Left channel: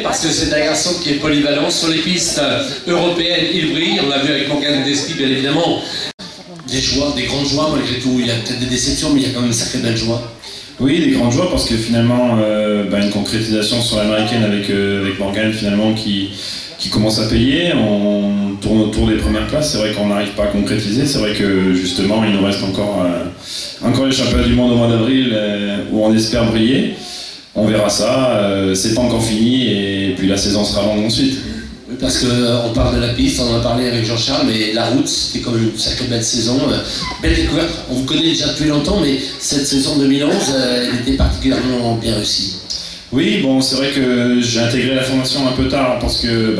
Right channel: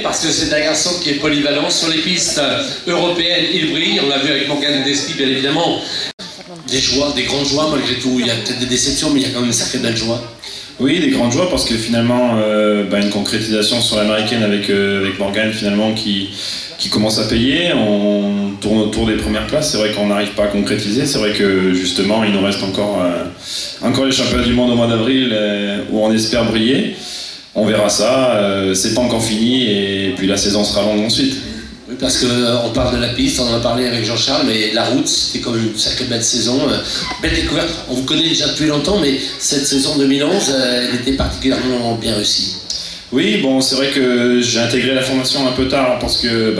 Parce que c'est un garçon qui est polyvalent sur les pistes européennes, il brille, on l'a vu avec Morgan Despi bien évidemment. Des joies, des grandes joies malgré tout, il y a peut-être des déceptions mais il y a quand même une sacrée belle joie. Oui, des grandes joies parce que finalement une concrétisation sur l'américaine avec Morgan finalement qui commence à payer, on tourne autour des premières places, c'est vrai qu'on n'arrive pas à concrétiser, c'est vrai que justement il nous reste encore les championnats du monde au mois d'avril où on espère briller. On verra ça, c'est pas encore fini et puis la saison sera longue ensuite. Oui, parce qu'on parle de la piste, on en a parlé avec Jean-Charles, mais la route, c'était quand même une sacrée belle saison, belle découverte. On vous connaît déjà depuis longtemps, mais cette saison 2011, elle était particulièrement bien réussie. Oui, bon, c'est vrai que j'ai intégré la formation un peu tard parce que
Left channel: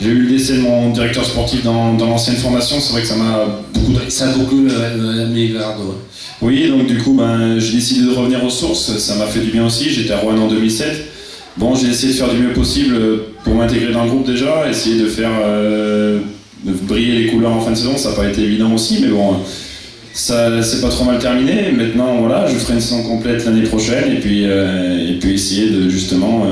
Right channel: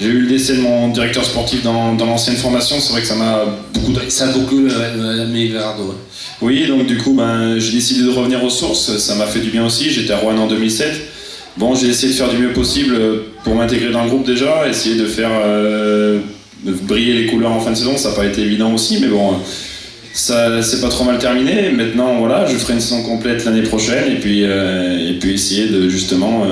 j'ai eu le décès de mon directeur sportif dans l'ancienne formation, c'est vrai que ça m'a beaucoup... Ça a beaucoup amené Verardo. Oui, donc du coup, j'ai décidé de revenir aux sources, ça m'a fait du bien aussi, j'étais à Rouen en 2007. Bon, j'ai essayé de faire du mieux possible pour m'intégrer dans le groupe déjà, essayer de faire de briller les couleurs en fin de saison, ça n'a pas été évident aussi, mais bon, ça c'est pas trop mal terminé. Maintenant, voilà, je ferai une saison complète l'année prochaine et puis essayer de justement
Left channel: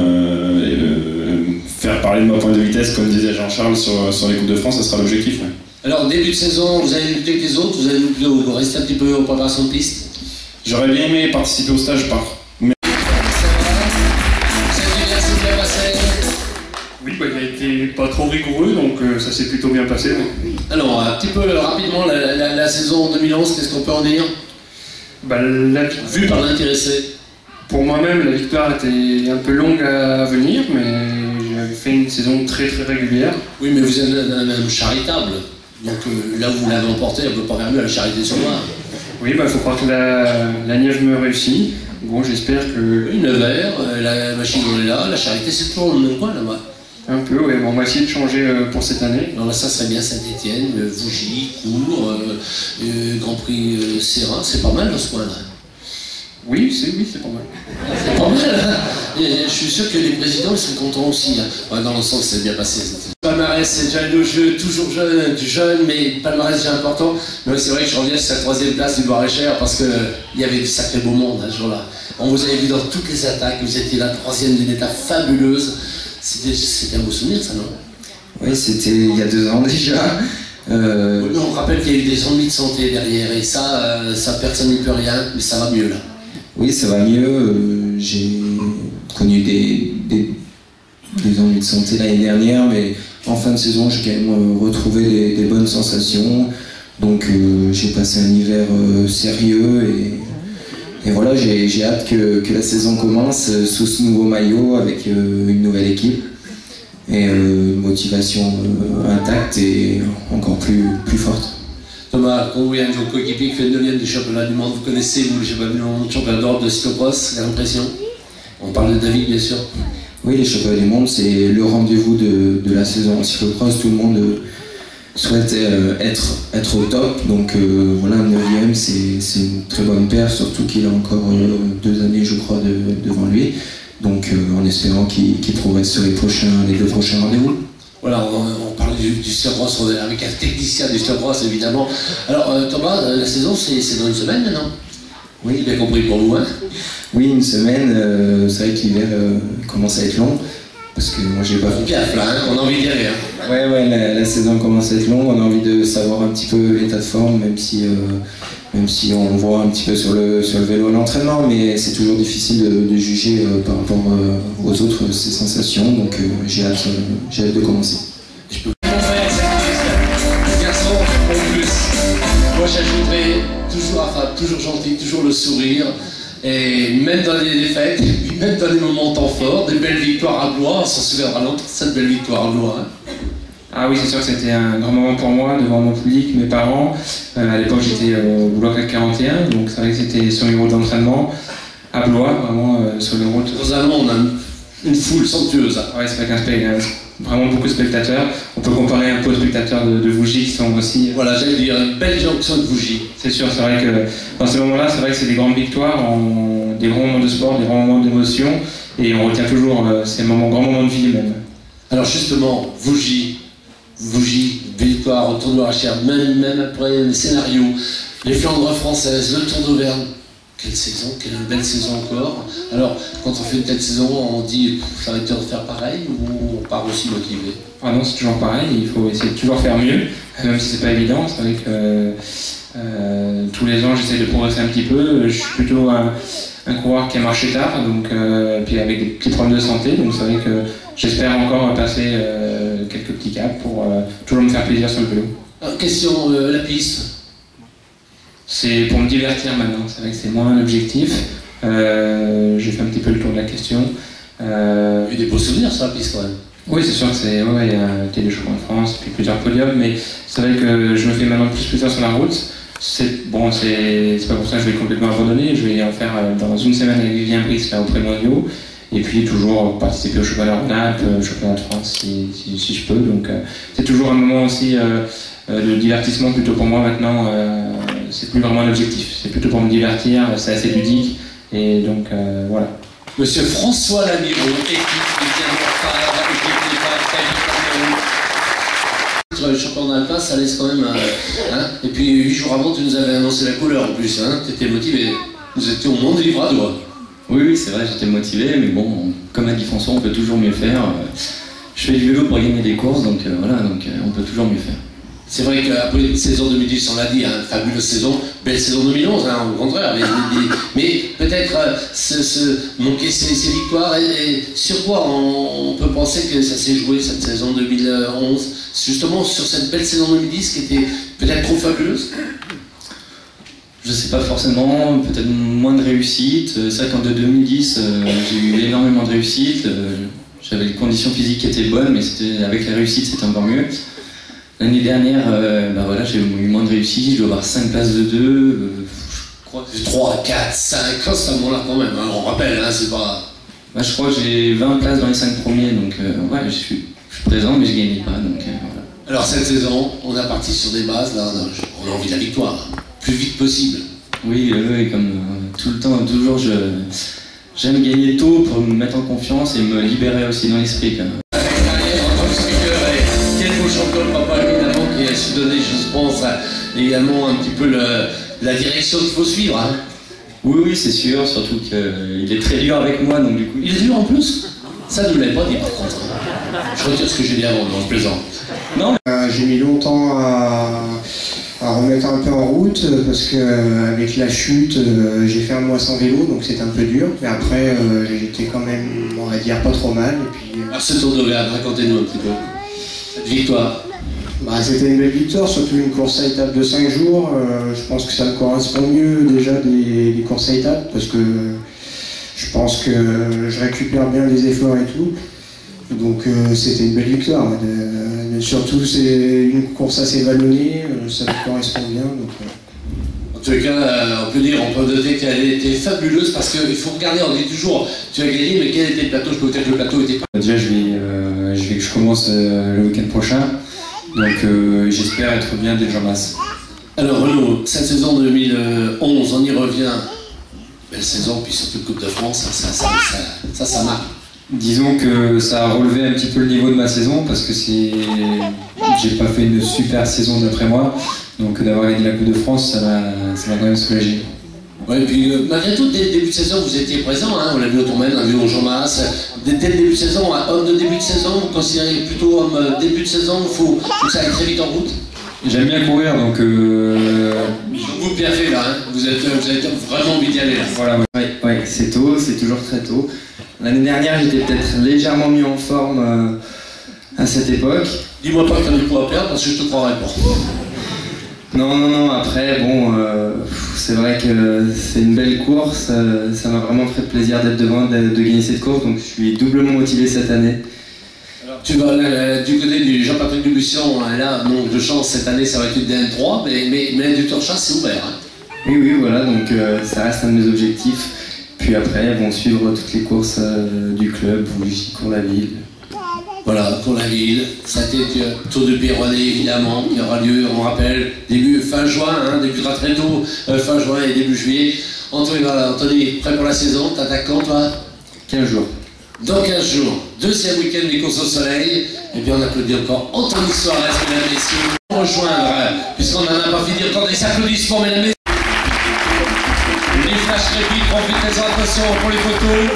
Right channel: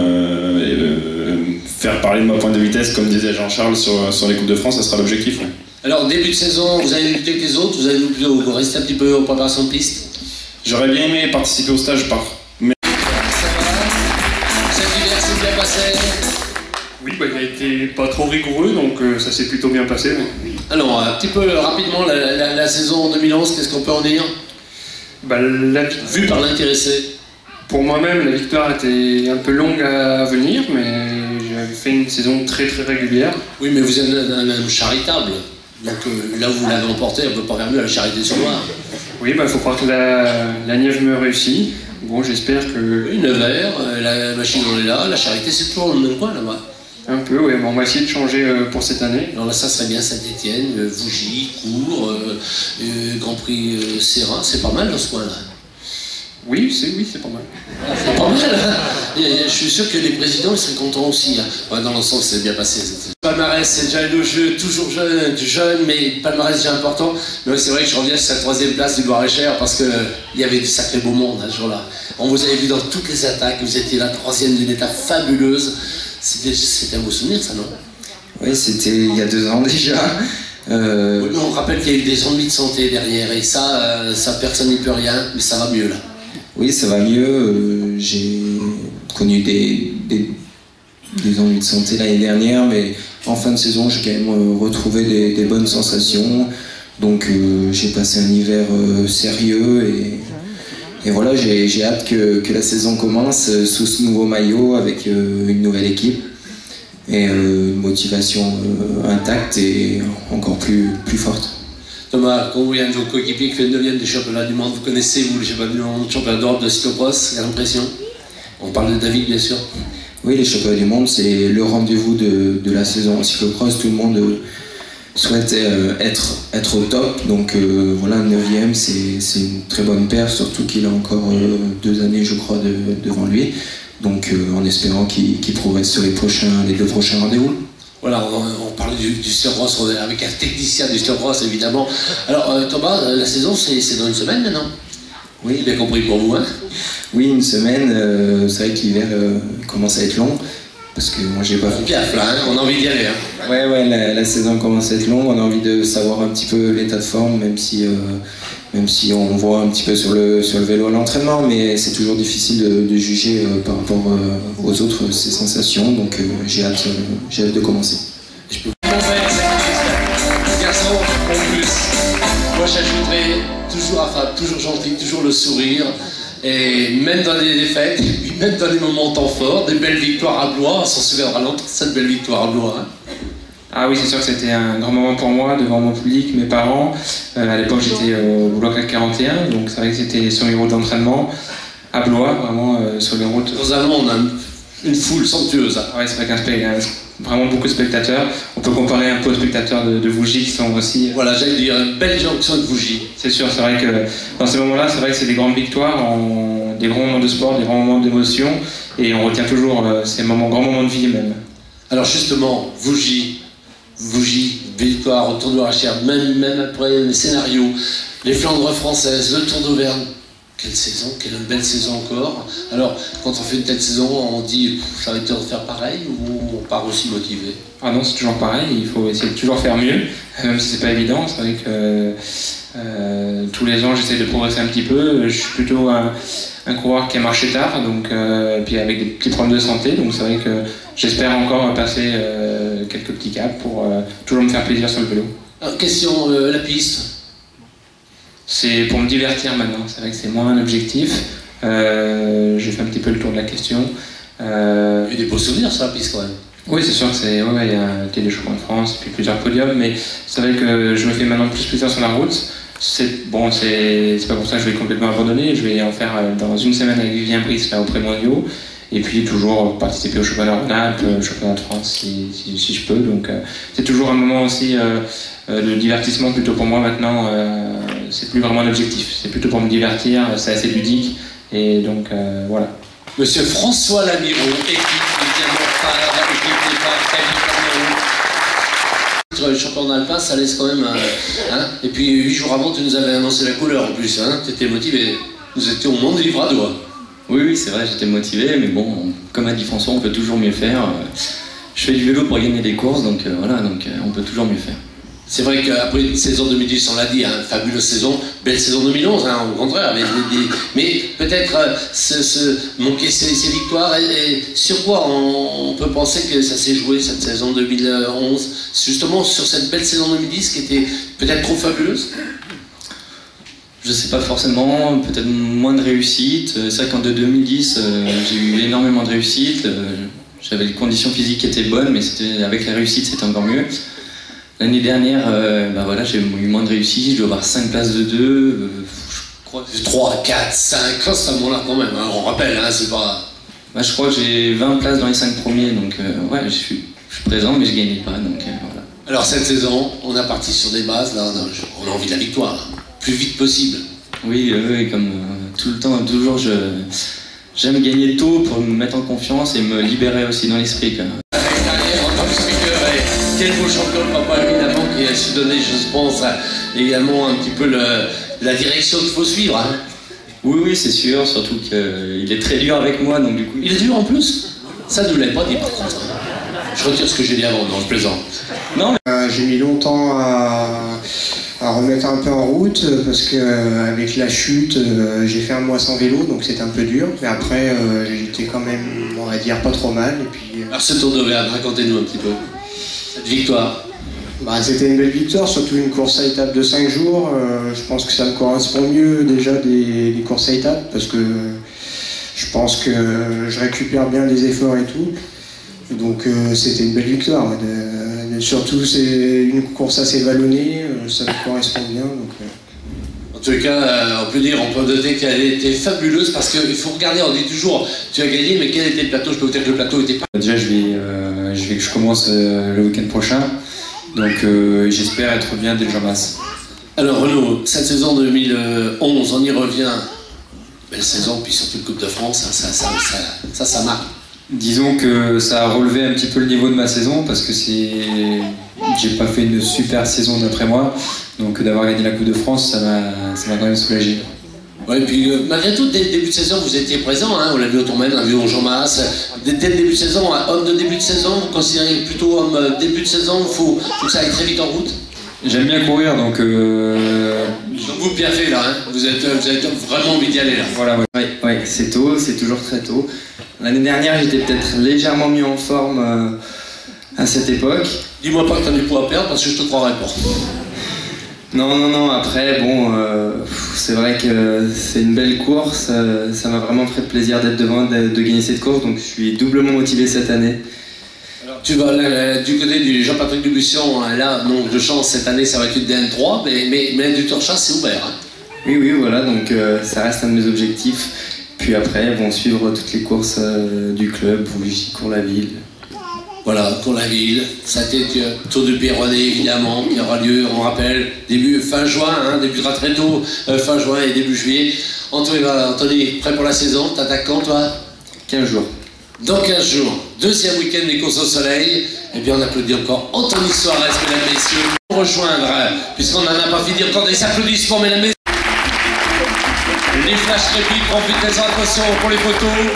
faire parler de ma pointe de vitesse, comme disait Jean-Charles sur les Coupes de France, ça sera l'objectif. Ouais. Alors, début de saison, vous avez lutté avec les autres, vous allez plutôt rester un petit peu en préparation de piste? J'aurais bien aimé participer au stage Oui, il a été pas trop rigoureux, donc ça s'est plutôt bien passé. Ouais. Alors, un petit peu rapidement, la saison 2011, qu'est-ce qu'on peut en dire? Vu par l'intéressé. Pour moi-même, la victoire était un peu longue à venir, mais j'avais fait une saison très très régulière. Oui, mais vous êtes même charitable. Donc là où vous l'avez emporté, on ne peut pas faire mieux à la charité sur Loire. Oui, il faut croire que la Nièvre me réussit. Bon, j'espère que... Oui, Nevers, la machine on est là, la charité c'est toujours dans le même coin là-bas. Un peu, oui, bon, on va essayer de changer pour cette année. Alors là, ça serait bien Saint-Étienne, Vougy, Cours, Grand Prix Sérin, c'est pas mal dans ce coin-là. Oui, c'est pas mal. C'est pas mal, hein. Je suis sûr que les présidents ils sont contents aussi. Hein. Ouais, dans l'ensemble, c'est bien passé. Palmarès, c'est déjà le jeu, toujours jeune, mais palmarès déjà important. Mais c'est vrai que je reviens sur cette 3e place du Loir-et-Cher parce qu'il y avait du sacré beau monde hein, ce jour-là. On vous avait vu dans toutes les attaques, vous étiez la 3e d'une étape fabuleuse. C'était un beau souvenir, ça, non? Oui, c'était il y a 2 ans déjà. On rappelle qu'il y a eu des ennuis de santé derrière, et ça personne n'y peut rien, mais ça va mieux là. Oui, ça va mieux. J'ai connu des ennuis de santé l'année dernière, mais en fin de saison, j'ai quand même retrouvé des bonnes sensations. Donc j'ai passé un hiver sérieux et voilà, j'ai hâte que la saison commence sous ce nouveau maillot avec une nouvelle équipe et une motivation intacte et encore plus forte. Thomas, quand vous voyez un de vos coéquipiers qui fait le 9e des championnats du monde, vous connaissez, vous, les championnats du monde, championnat d'Europe de cyclocross, l'impression? On parle de David, bien sûr. Oui, les championnats du monde, c'est le rendez-vous de la saison en cyclocross. Tout le monde souhaite être au top, donc voilà, le 9e, c'est une très bonne paire, surtout qu'il a encore 2 années, je crois, devant lui. Donc en espérant qu'il progresse sur les 2 prochains rendez-vous. Voilà, on parle du cyclocross avec un technicien du cyclocross, évidemment. Alors Thomas, la saison, c'est dans une semaine maintenant? Oui, bien compris pour vous, hein? Oui, une semaine, c'est vrai que l'hiver commence à être long, parce que moi j'ai pas fait... Bien plein, hein, on a envie d'y aller. Hein. Ouais, la saison commence à être longue, on a envie de savoir un petit peu l'état de forme, même si on voit un petit peu sur le vélo à l'entraînement, mais c'est toujours difficile de juger par rapport aux autres ces sensations, donc j'ai hâte de commencer. Je peux vous montrer, c'est garçon en plus. Moi j'ajouterais toujours affable, toujours gentil, toujours le sourire. Et même dans les défaites, et puis même dans les moments temps forts, des belles victoires à Blois, on s'en souviendra longtemps, cette belle victoire à Blois. Hein. Ah oui, c'est sûr que c'était un grand moment pour moi, devant mon public, mes parents. À l'époque, j'étais au Blois 41, donc c'est vrai que c'était sur les routes d'entraînement, à Blois, vraiment sur les routes. Aux Allemands, on a une foule somptueuse. Hein. Ouais, c'est vrai vraiment beaucoup de spectateurs. On peut comparer un peu aux spectateurs de Vougy qui sont aussi... Voilà, j'allais dire, une belle jonction de Vougy. C'est sûr, c'est vrai que dans ces moments-là, c'est vrai que c'est des grandes victoires, des grands moments de sport, des grands moments d'émotion, et on retient toujours ces grands moments de vie même. Alors justement, Vougy, victoire au Tour de Loir-et-Cher, même après les scénarios, les Flandres françaises, le Tour d'Auvergne, Quelle saison, quelle belle saison encore. Alors, quand on fait une telle saison, on dit j'ai envie de faire pareil ou on part aussi motivé? Ah non, c'est toujours pareil, il faut essayer de toujours faire mieux, même si c'est pas évident. C'est vrai que tous les ans j'essaie de progresser un petit peu. Je suis plutôt un coureur qui a marché tard, donc, puis avec des petits problèmes de santé, donc c'est vrai que j'espère encore passer quelques petits caps pour toujours me faire plaisir sur le vélo. Alors, question, la piste. C'est pour me divertir maintenant, c'est vrai que c'est moins un objectif. J'ai fait un petit peu le tour de la question. Il y a eu des beaux souvenirs sur la piste quand même. Oui, c'est sûr que c'est. Ouais, il y a été des champions de France, puis plusieurs podiums, mais c'est vrai que je me fais maintenant plus plaisir sur la route. C'est pas pour ça que je vais complètement abandonner. Je vais en faire dans une semaine avec Vivien Brice là auprès de mondiaux, et puis toujours participer au championnat Rhône-Alpes, au championnat de France si je peux. Donc c'est toujours un moment aussi de divertissement plutôt pour moi maintenant. C'est plus vraiment un objectif, c'est plutôt pour me divertir. C'est assez ludique, et donc voilà. Monsieur François Lamiron, le champion alpin, ça laisse quand même hein. Et puis 8 jours avant, tu nous avais annoncé la couleur en plus, hein. Tu étais motivé. Nous étions au monde livre à doigt. Oui, c'est vrai, j'étais motivé, mais bon, comme a dit François, on peut toujours mieux faire. Je fais du vélo pour gagner des courses, donc voilà, on peut toujours mieux faire. C'est vrai qu'après une saison 2010, on l'a dit, hein, fabuleuse saison, belle saison 2011, hein, au contraire, mais peut-être manquer ces victoires, et sur quoi on peut penser que ça s'est joué cette saison 2011, justement sur cette belle saison 2010 qui était peut-être trop fabuleuse? Je sais pas forcément, peut-être moins de réussite. C'est vrai qu'en 2010, j'ai eu énormément de réussite. J'avais les conditions physiques qui étaient bonnes, mais avec la réussite, c'était encore mieux. L'année dernière, voilà, j'ai eu moins de réussite, je dois avoir 5 places de 2, je crois que 3, 4, 5, ça là quand même, hein, on rappelle, hein, c'est pas... je crois que j'ai 20 places dans les 5 premiers, donc ouais, je suis présent, mais je gagnais pas, donc voilà. Alors cette saison, on a parti sur des bases, là, on a envie de la victoire, plus vite possible. Oui, comme tout le temps, toujours, j'aime gagner tôt pour me mettre en confiance et me libérer aussi dans l'esprit. Quel beau champion de papa, évidemment, qui a su donner, je pense, également un petit peu la direction qu'il faut suivre. Hein. Oui, c'est sûr, surtout qu'il est très dur avec moi, donc du coup... Il est dur en plus? Ça ne l'avait pas dit par contre. Je retire ce que j'ai dit avant, non, je plaisante. Non, j'ai mis longtemps à remettre un peu en route, parce qu'avec la chute, j'ai fait un mois sans vélo, donc c'était un peu dur. Mais après, j'étais quand même, on va dire, pas trop mal. Et puis, alors ce Tour de Réal, racontez-nous un petit peu. Cette victoire. C'était une belle victoire, surtout une course à étapes de 5 jours. Je pense que ça me correspond mieux déjà des courses à étapes, parce que je pense que je récupère bien les efforts et tout. Donc c'était une belle victoire. Surtout c'est une course assez vallonnée, ça me correspond bien. Donc, En tous les cas, on peut noter qu'elle était fabuleuse, parce qu'il faut regarder, on dit toujours tu as gagné, mais quel était le plateau? Je peux vous dire que le plateau était pas... Déjà je commence le week-end prochain, donc j'espère être bien dès le Jean-Masse. Alors Renaud, cette saison 2011, on y revient. Belle saison, puis surtout Coupe de France, ça marque. Disons que ça a relevé un petit peu le niveau de ma saison, parce que j'ai pas fait une super saison d'après moi, donc d'avoir gagné la Coupe de France, ça m'a quand même soulagé. Ouais, et puis malgré tout, dès le début de saison, vous étiez présent, hein, on l'a vu au Tourmaine, on l'a vu au Jean-Masse. Dès le début de saison, homme de début de saison, vous considérez plutôt homme début de saison, il faut que ça aille très vite en route? J'aime bien courir, donc... Donc vous bien fait là, hein, vous avez vraiment envie d'y aller là. Voilà, ouais, c'est tôt, c'est toujours très tôt. L'année dernière, j'étais peut-être légèrement mieux en forme à cette époque. Dis-moi pas que tu as du poids à perdre, parce que je te croirais pas. Non, après, bon, c'est vrai que c'est une belle course, ça m'a vraiment fait plaisir d'être devant, de gagner cette course, donc je suis doublement motivé cette année. Alors, tu vas du côté du Jean-Patrick Dubusson, là, donc de chance, cette année ça va être une DN3, mais du Tour de Chasse c'est ouvert. Hein. Oui, voilà, donc ça reste un de mes objectifs. Puis après, vont suivre toutes les courses du club, Bougie, Cours-la-Ville. Voilà, Cours-la-Ville, ça a été Tour de Péronnet évidemment, qui aura lieu, on rappelle, fin juin, hein, débutera très tôt, fin juin et début juillet. Anthony, prêt pour la saison, t'attaques quand toi? 15 jours. Dans 15 jours, deuxième week-end des courses au soleil, et bien on applaudit encore Anthony Suarez, mesdames et messieurs, pour rejoindre, puisqu'on n'en a pas fini encore des applaudissements, mesdames et messieurs. Les flashs répliques, profitez-en, attention pour les photos.